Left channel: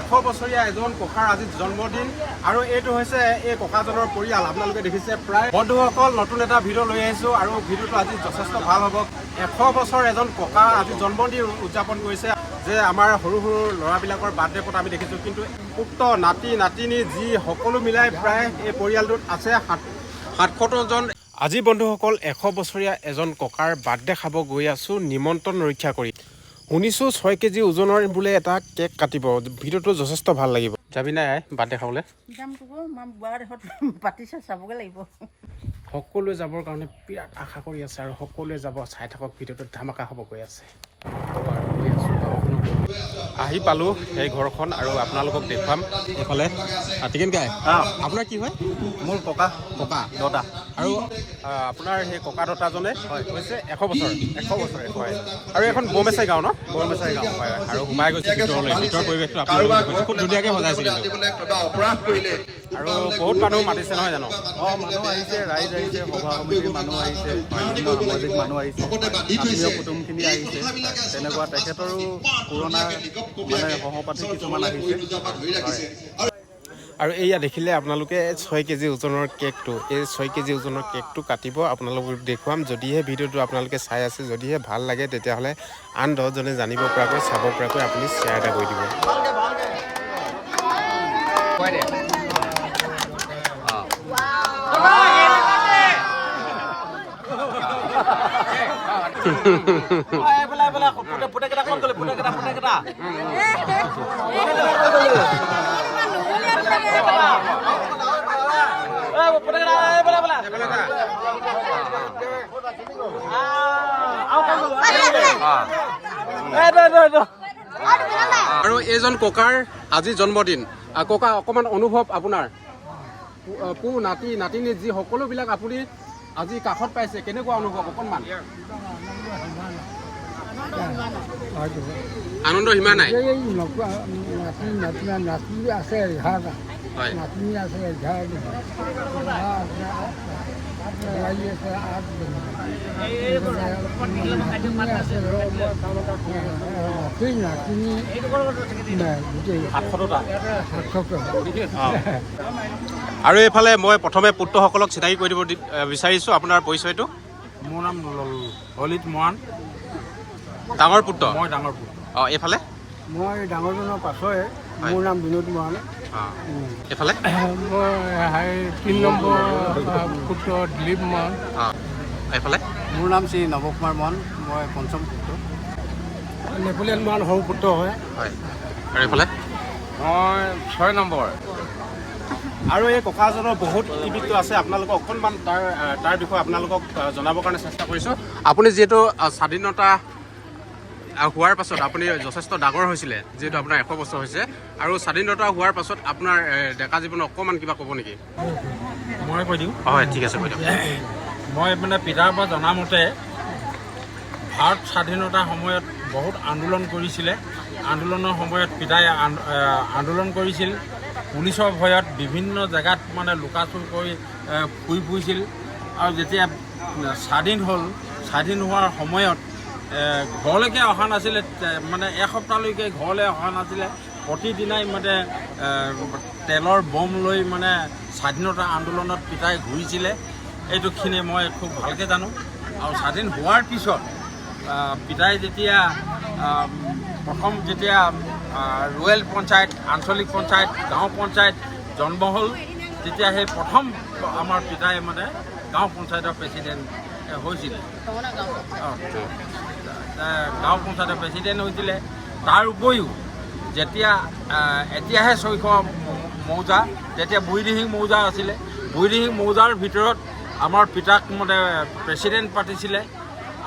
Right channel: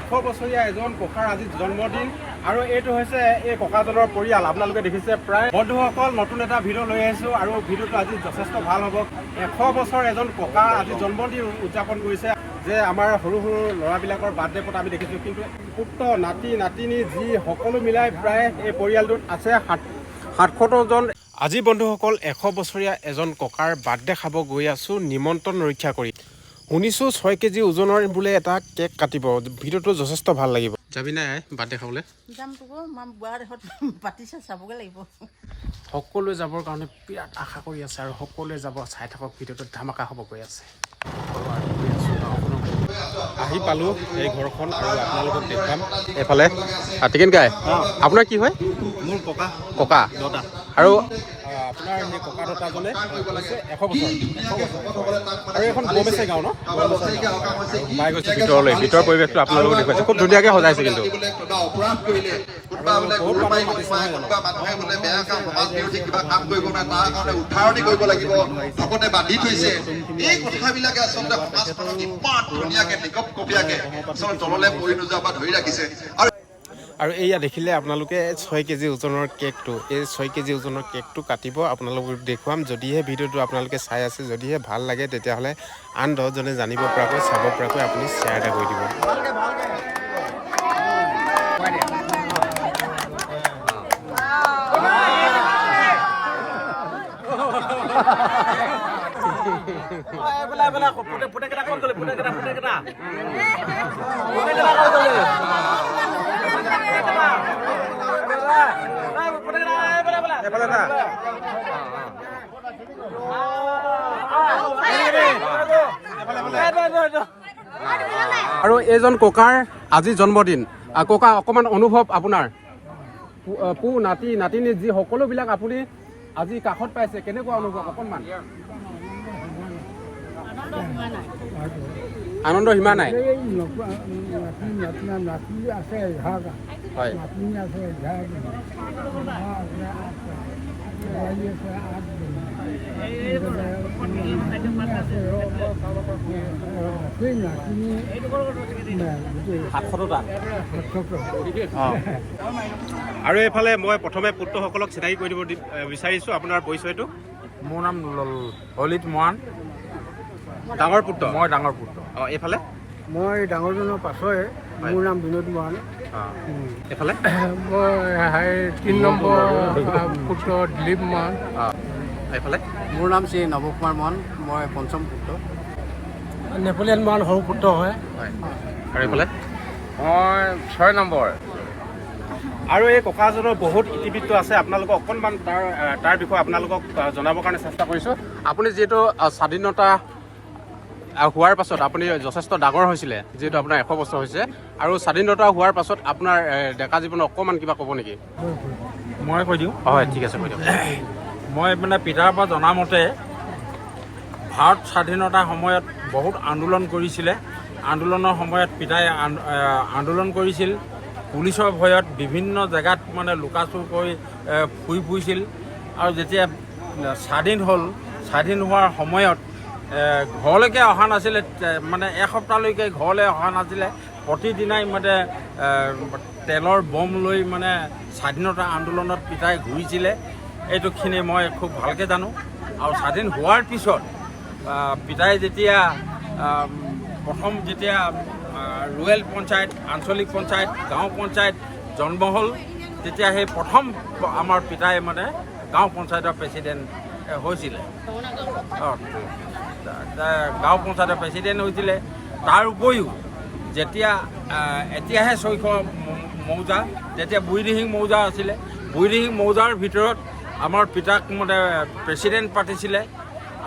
100 বছৰীয়া এজন ককাৰ আজি জন্মদিন আৰু এইটো হৈছে এই ককাজনৰ পৰিয়াল। আপোনালোকে দেখিছে প্ৰায় বন্ধুসকল নতুন এটা ভিডিঅ' লৈ আহিছোঁ আৰু ভিডিঅ'টো আজি যথেষ্ট ভাল হ'ব। 100 বছৰ এজন ককা আজি জন্মদিন উদযাপন কৰিছে যে আমাৰ সৰু সৰু ল'ৰাবিলাকৰ বাৰ্থডে পতা আমি দেখিছোঁ, কিন্তু উক্ত নাতি নাতিনী যি সকলো মিলাই প্ৰায় এই পৰিয়ালটোত আছে ৭০ জন। আজি বন্ধুসকল 100 বছৰীয়া এজন ককাৰ বাৰ্থডে খাব গৈ আছোঁ নিমন্ত্ৰণ ৰক্ষা কৰি। শুনিছোঁ 6 কেজি ওজনৰ বোলে এটা কেক কাটিব। ভিডিঅ'টো যথেষ্ট ভাল লাগিব। যাবি নাই বাৰ্থডে খাবলৈ? চাবগৈ লাগিব। সকলোৱে যাবৰ কাৰণে বিৰাট আশা কৰি আছে আৰু সকলোৱে যাব। চাই থাকক, ভিডিঅ'টো ধামাকা হ'ব গৈ আছে। আহি পালোঁ এই ঘৰখন আৰু আপোনালোকক দেখুৱাম। এইফালে টিকেন গাই আপোনাৰ কি হয়? মোৰ ককা দতা আৰু আপোনাৰ সেই ককা দতাজনে হৈছে 100 বছৰ আৰু এইখন বমেচাই গাঁও ন? বমেচাই গাঁও আৰু সোমাই গৈছে ভিতৰলৈ। ভিতৰৰ পৰিৱেশটো আপোনালোকক দেখুৱাইছে, খুব ধুনীয়াকৈ সজাইছে কিন্তু। আৰু বহুত মানুহ মাতিছে নহয় জানো? আৰু এয়া দেখিলে আপোনালোকে 6 কেজি ওজনৰ কেকটো, এই 6 কেজি ওজনৰ কেকটো কাটিব। আপোনালোকক দেখুৱাম। যদিহে ভিডিঅ'টো আপোনালোকে চাই আছে, যদিহে ভাল লাগে, তেতিয়াহ'লে আন 10জনে জানিব পৰাকৈ, চাব পৰাকৈ আপুনি শ্বেয়াৰ এটা কৰি দিব। আৰু এইজন ককাৰ আজি জন্মদিন। ককা অকণমান অনুভৱ আপোনাৰ, পু নাতি নাতিনী যি সকলোবিলাক আপুনি আজি কাষত পাইছে, কেনেকুৱা অনুভৱ অকণমান? আনন্দ সীমা নাই। আৰু এইফালে মই প্ৰথমে পুত্ৰসকলক চিনাকি কৰি দিব বিচাৰিছোঁ। আপোনাৰ পৰিচয়টো? মোৰ নাম ললিত মৰাণ। ডাঙৰ পুত্ৰ? মই ডাঙৰ পুত্ৰ। এইফালে? মই ডাঙৰজনৰ পাছৰে। মোৰ নাম বিনোদ মৰাণ। এইফালে? মই 3 নম্বৰ পুত্ৰ দিলীপ মৰাণ। এইফালে? মোৰ নাম শ্ৰী নৱকুমাৰ মৰাণ। মই 5ম পুত্ৰ। নেপোলিয়ন মৰাণ সৰু পুত্ৰ হয়। আৰু এইফালে? মই 6 নম্বৰ। আৰু এই ককাজনৰ বহুত ইতিবৃত্ত আছে। আপোনালোকক অকণমান তাৰ বিষয়ে আপোনালোকক জনাবৰ কাৰণে চেষ্টা কৰিছোঁ। আপুনি যিহেতু স্বাধীনতা হোৱাৰ পাছত আপুনি যথেষ্ট ডাঙৰ হৈছিলে, যিহেতু আপোনাৰ 100 বছৰ হৈছে, আৰু স্বাধীনতা হোৱাৰ পাছত আপোনাৰ ডেকা জীৱনত অকণমান কিবা ক'ব নেকি? মই কৈ দিওঁ। হয়, ঠিক আছে, কৈ দিয়ক। মই পিতাৰ পৰা জনামতে ভাৰত স্বাধীনতাৰ সময়ত বহুত আন্দোলন কৰিছিলে। আন্দোলনৰ সময়ত পিতাই আন্দোলন কৰিছিল। পুলিচৰ ভয়ত বিভিন্ন জেগাত লুকাচুৰ কৰি ফুৰি ফুৰিছিল। আৰু যেতিয়া স্বাধীন হ'ল, স্বাধীন হোৱাৰ সময়ত ঘৰলৈকে অহা নাছিলে, এসপ্তাহলৈকে ঘৰলৈ অহা নাছিলে। প্ৰতিদিনাই তেলৰ বম লৈ স্বাধীনতা আন্দোলনত পিতাই ঘূৰিছিলে। এইটোখিনি মই খুব ভালকৈ জানো। আৰু স্বাধীন হোৱাৰ পিছত পিতাই যেতিয়া প্ৰথম ৰুৰেল পঞ্চায়ত, আঞ্চলিক পঞ্চায়ত, গাঁও পঞ্চায়ত জন্ম হ'ল, তেতিয়া সেই প্ৰথম আমাৰ পিতাই গাঁও পঞ্চায়তৰ প্ৰেচিডেণ্ট হৈছিলে। গাঁও পঞ্চায়তৰ প্ৰেচিডেণ্ট হৈছিলে। তাৰ উপৰিও এতিয়াহে 600 মৌজা, তেতিয়া বুঢ়ীদিহিং মৌজা আছিলে। বুঢ়ীদিহিং মৌজাৰ ভিতৰত আমাৰ পিতাক প্ৰেচিডেণ্ট পাতিছিলে।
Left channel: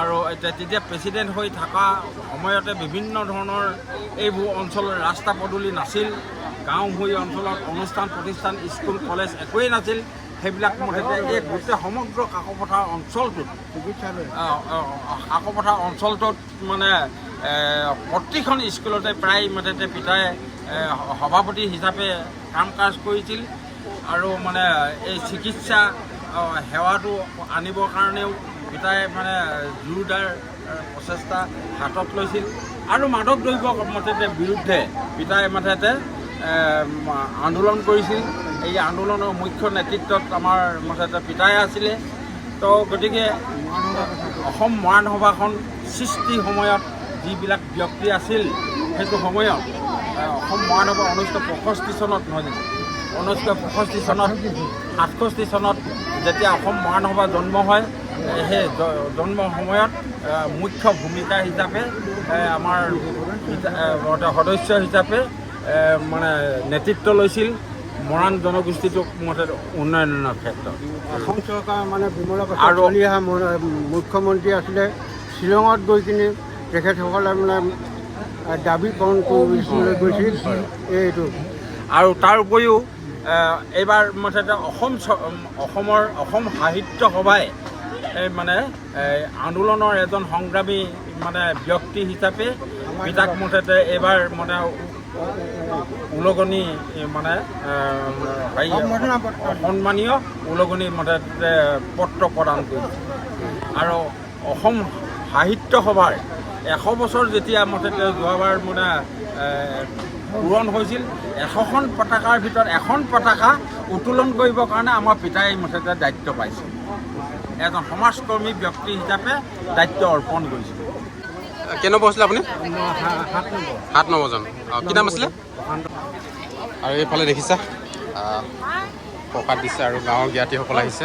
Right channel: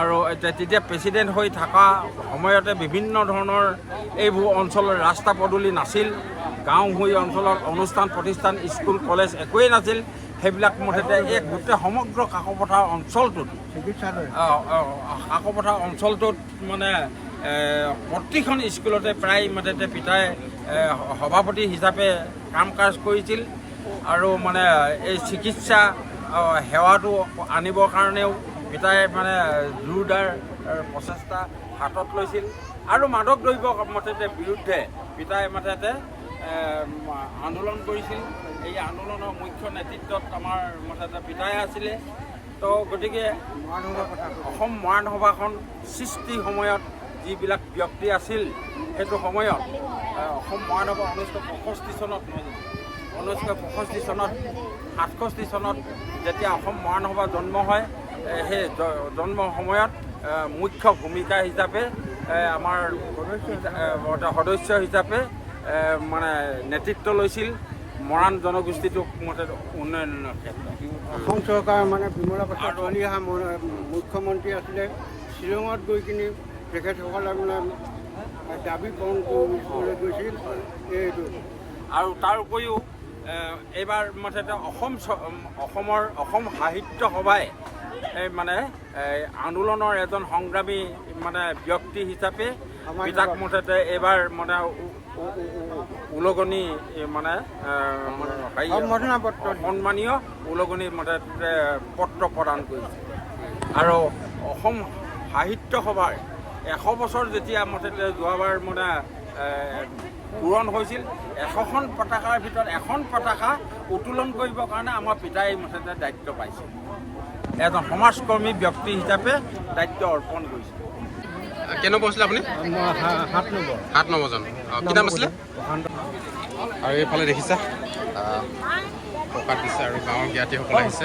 আৰু তেতিয়া প্ৰেচিডেণ্ট হৈ থকা সময়তে বিভিন্ন ধৰণৰ এইবোৰ অঞ্চলৰ ৰাস্তা পদূলি নাছিল। গাঁও ভূঞা অঞ্চলত অনুষ্ঠান প্ৰতিষ্ঠান, স্কুল কলেজ একোৱেই নাছিল। সেইবিলাক এই গোটেই সমগ্ৰ কাকপথাৰ অঞ্চলটোত প্ৰতিখন স্কুলতে প্ৰায় পিতাই সভাপতি হিচাপে কাম কাজ কৰিছিল। আৰু এই চিকিৎসা সেৱাটো আনিবৰ কাৰণেও পিতাই জোৰদাৰ প্ৰচেষ্টা হাতত লৈছিল। আৰু মাদক দ্ৰব্য মুঠতে বিৰুদ্ধে পিতাই মুঠতে আন্দোলন কৰিছিল। এই আন্দোলনৰ মুখ্য নেতৃত্বত আমাৰ মুঠতে পিতাই আছিলে। তো গতিকে অসম মহানসভাখন সৃষ্টিৰ সময়ত যিবিলাক ব্যক্তি আছিল সেইটো সময়ত অসম মহানসভা 1965 চনত নহয় জানো 1965 চনত 67 চনত যেতিয়া অসম মহানসভা জন্ম হয় সেই জন্ম সময়ত মুখ্য ভূমিকা হিচাপে আমাৰ সদস্য হিচাপে মানে নেতৃত্ব লৈছিল মৰাণ জনগোষ্ঠীটোক মতে উন্নয়নৰ ক্ষেত্ৰত। অসম চৰকাৰ মানে বিমলা প্ৰসাদ চলি অহা মুখ্যমন্ত্ৰী আছিলে। শ্বিলঙত গৈ কিনি তেখেতসকলে মানে দাবী পূৰণ কৰিবলৈ গৈছিল এইটো। আৰু তাৰ উপৰিও এইবাৰ মুঠতে অসম সাহিত্য সভাই মানে আন্দোলনৰ এজন সংগ্ৰামী মানে ব্যক্তি হিচাপে পিতাক মুঠতে এইবাৰ মানে উলগনি মানে সন্মানীয় উলগনি মুঠতে পত্ৰ প্ৰদান কৰিছে। আৰু অসম সাহিত্য সভাৰ 100 বছৰ যেতিয়া মুঠতে যোৱাবাৰ মানে পূৰণ হৈছিল 100খন পতাকাৰ ভিতৰত এখন পতাকা উত্তোলন কৰিবৰ কাৰণে আমাৰ পিতাই মুঠতে দায়িত্ব পাইছিল। এজন সমাজকৰ্মী ব্যক্তি হিচাপে দায়িত্ব অৰ্পণ কৰিছিল। কেই নম্বৰ আছিলে আপুনি? 7 নম্বৰজন। কি নাম আছিলে? আৰু এইফালে দেখিছা প্ৰসাদ দিছে আৰু গাঁৱৰ জ্ঞাতিসকল আহিছে।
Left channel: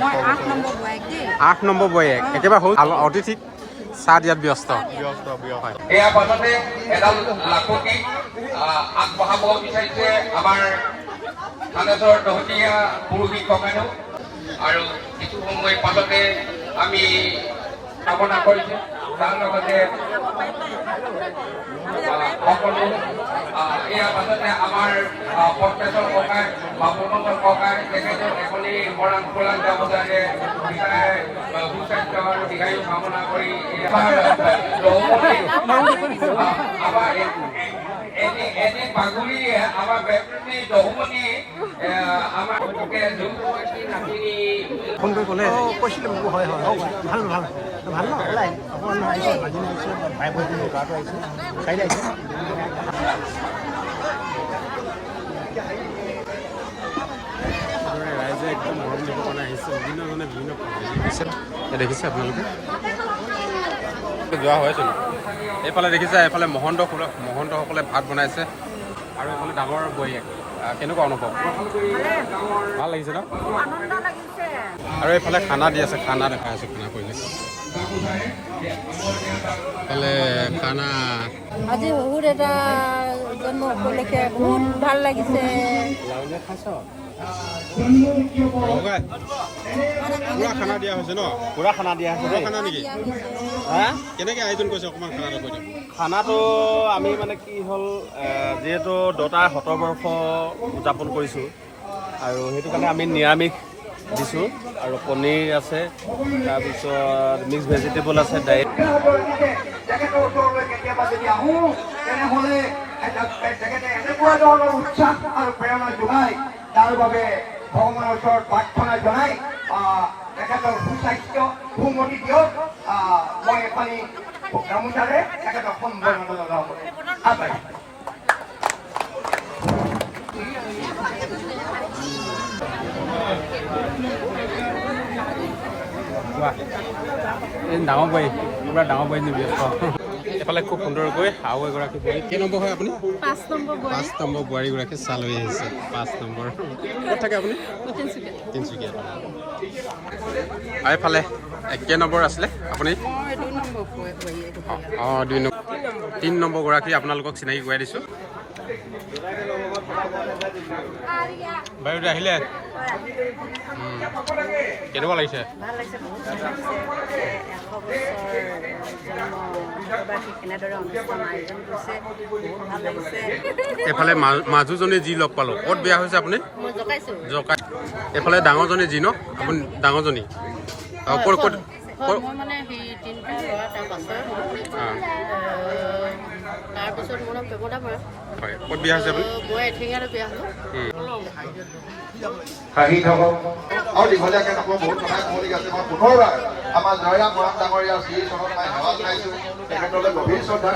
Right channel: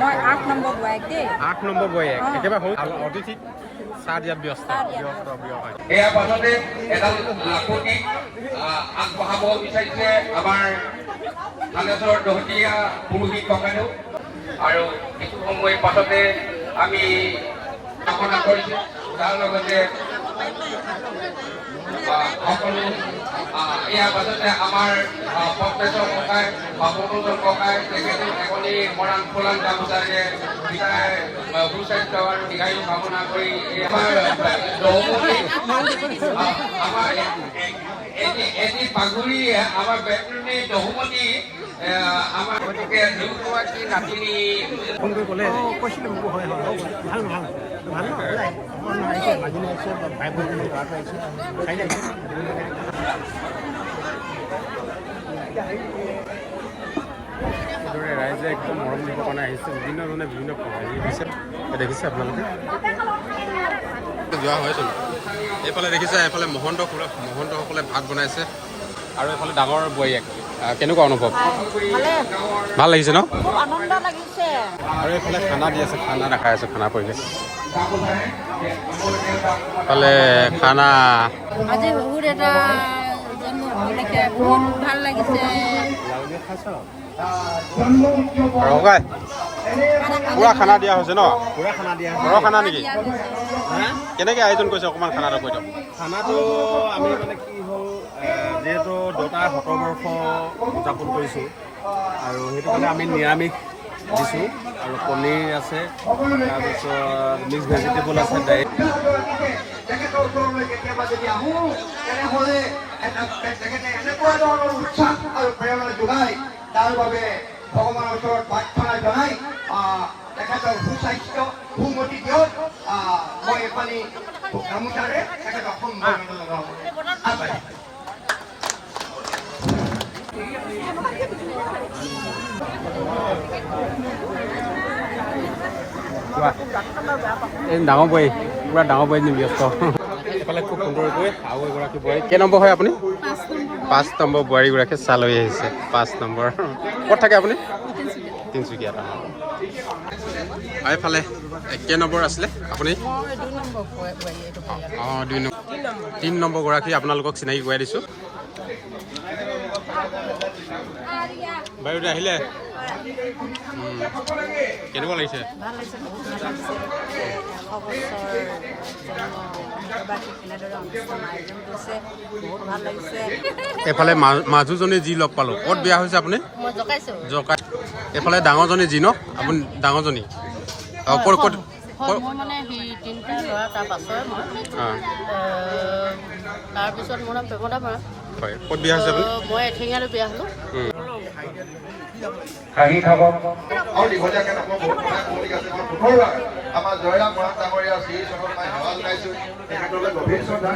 মই 8 নম্বৰ বয়াক দেই। 8 নম্বৰ বয়াক একেবাৰে সৰু অতিথিক চাহ দিয়াত ব্যস্ত। হয়। ইয়াৰ পাছতে এডাল লাখুটি আগবঢ়াব বিচাৰিছে আমাৰ থানেশ্বৰ দহতীয়া পুৰোহিত কমেনো। আৰু কিছু সময়ৰ পাছতে আমি কামনা কৰিছোঁ তাৰ লগতে সকলো ইয়াৰ পাছতে আমাৰ পদ্মেশ্বৰ ককাই বা মনোজৰ ককাই তেখেতেও এখনি মৰাণ ফৰাণ গামোচাৰে সুস্বাস্থ্য আৰু দীৰ্ঘায়ু কামনা কৰি আমাৰ আমাৰ এটি পাগুৰি আমাৰ বেতৰণি দহমণি আমাৰ গতিকে দুগৰাকী নাতিনী ফোন কৰি ক'লে ভাল ভাল ভাল অকণমান আহিছে মাজিন আহিছে ভাই ভনী ল'ৰাটো আহিছে এইদৰে ৰাইজে একদম মৰম দিবৰ কাৰণে আহিছে। বিভিন্নজনে বিভিন্ন হেৰি দিছে। দেখিছে আপোনালোকে যোৱা হয়চোন। এইফালে দেখিছে এইফালে মহন্তসকলে ভাত বনাইছে আৰু এইফালে ডাঙৰ বৈয়াক। কেনেকুৱা অনুভৱ? ভাল লাগিছে ন? খুব আনন্দ লাগিছে। আৰু এইফালে খানা দি আছে, খানা দেখাই আছে, খানা পৰিৱেশ। এইফালে খানা আজি শহুৰ এটা জন্ম উপলক্ষে বহুত ভাল লাগিছে। পুৰা খানা দিয়া হৈছে ন? পুৰা খানা দিয়া ঘৰৰ খানা নেকি? হা? কেনেকৈ আয়োজন কৰিছে অকণমান খানাটো কৈ দিয়ক। খানাটো আমি মানে কি হ'ল যিহেতু দেউতাৰ 100 বৰ্ষ উদযাপন কৰিছোঁ আৰু সেইটো কাৰণে আমি নিৰামিষ দিছোঁ আৰু পনীৰ আছে, তাৰপিছত মিক্স ভেজিটেবল আছে, দাইল। তাৰ বাবে ভগৱানৰ ওচৰত প্ৰাৰ্থনা জনাই তেখেতক সুস্বাস্থ্য সুমতি দিয়ক। মই এখনি গামোচাৰে তেখেতক সম্বৰ্ধনা জনাবলৈ আগবাঢ়িছোঁ। ডাঙৰ বৈ পুৰা ডাঙৰ বৈ ব্যস্ত। এইফালে খুব সুন্দৰকৈ আৰু এগৰাকী বোৱাৰী। কেই নম্বৰ হয় আপুনি? 5 নম্বৰ বোৱাৰীগৰাকীয়ে চাহ লৈ আহিছে। 5 নম্বৰ। ক'ত থাকে আপুনি? তিনিচুকীয়াত। আৰু এইফালে কেই নম্বৰ আছিলে আপুনি? 3 নম্বৰ গৰাকী আপোনালোকক চিনাকি কৰাই দিছোঁ। বাইদেউ আহিলে কেনেকুৱা লাগিছে? ভাল লাগিছে, বহুত ভাল লাগিছে। 100 বছৰ জন্ম সভাবাসী কেনেদৰে অনুষ্ঠান আয়োজন কৰিছে, বহুত ভাল লাগিছে। এইফালে মাজুজনী যি লগ পালোঁ। ক'ত বিয়া হৈছে আপুনি? মই জকাইছোঁ। জকাই। এইফালে ডাঙৰজনী যি ন? আপুনি ডাঙৰজনী ক'ত ক'ত হয় মই মানে সেই তিনিটা ল'ৰা তাৰ পাছৰে মই অঁ তাৰপিছত মোৰ নাম প্ৰেমদা বৰা হয় ক'ত বিয়া হৈছে আপুনি মই এঠিঙাতে বিয়া হ'লোঁ হাঁহি থাকক আৰু দীঘলীয়াকৈ নকওঁ বহুত কথা ক'বলগীয়া আছে মই পুনৰবাৰ আমাৰ জয়ৰাম বৰা ডাঙৰীয়াৰ শ্ৰী চৰণত মই সেৱা জনাইছোঁ তেখেতলৈ গভীৰ শ্ৰদ্ধা